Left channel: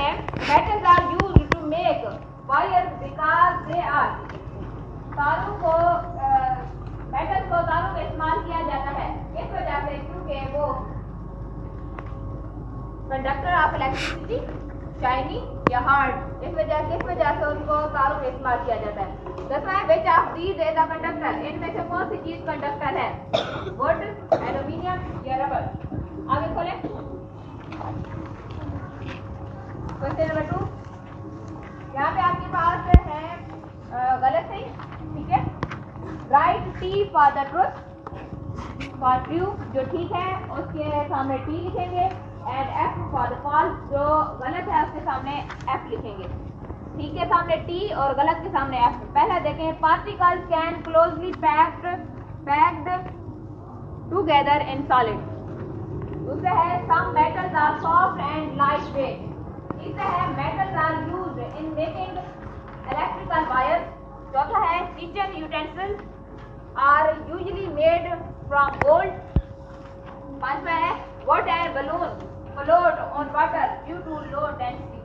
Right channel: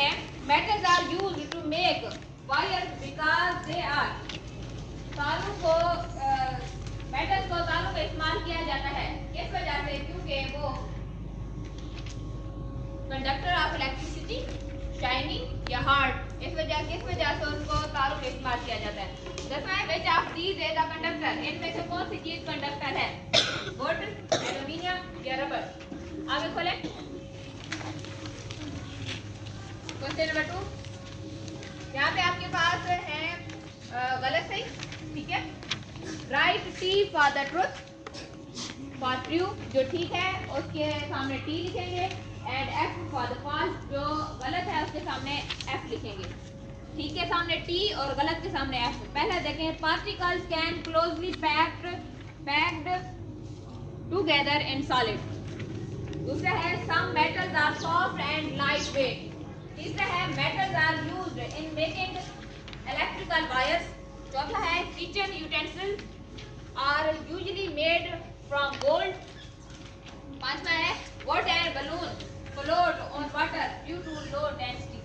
हैं metals are used to make wires because they are, तारों को मेटल्स को तारों में इस्तेमाल किया जाता है किस वजह से, क्योंकि वो कंडक्टर ऑफ इलेक्ट्रिसिटी, शाइनिंग या हार्ड, किस वजह से उनको तारों में इस्तेमाल किया जाता है। दसवां है which of these is a conductor, इनमें से कौन सी चीज कंडक्टर है, वुड, एल्यूमिनियम या रबर। आगे खोलें क्वेश्चन नंबर 2। यहाँ पे आपके पास है गलत सही, ठीक है। Write T for the truth, for true जो ठीक है उसके सामने टी लिखेंगे, and F for the false जो गलत है उसके सामने एफ लिखेंगे। ठीक के सामने टी और गलत के सामने एफ। पहला देखें, particles can closely packed together in solid. दूसरा है some metals are soft and light weight. तीसरा है metals are used in making electrical wires. चौथा है kitchen utensil are usually made from gold. पांचवा है water and balloon float on water due to low density.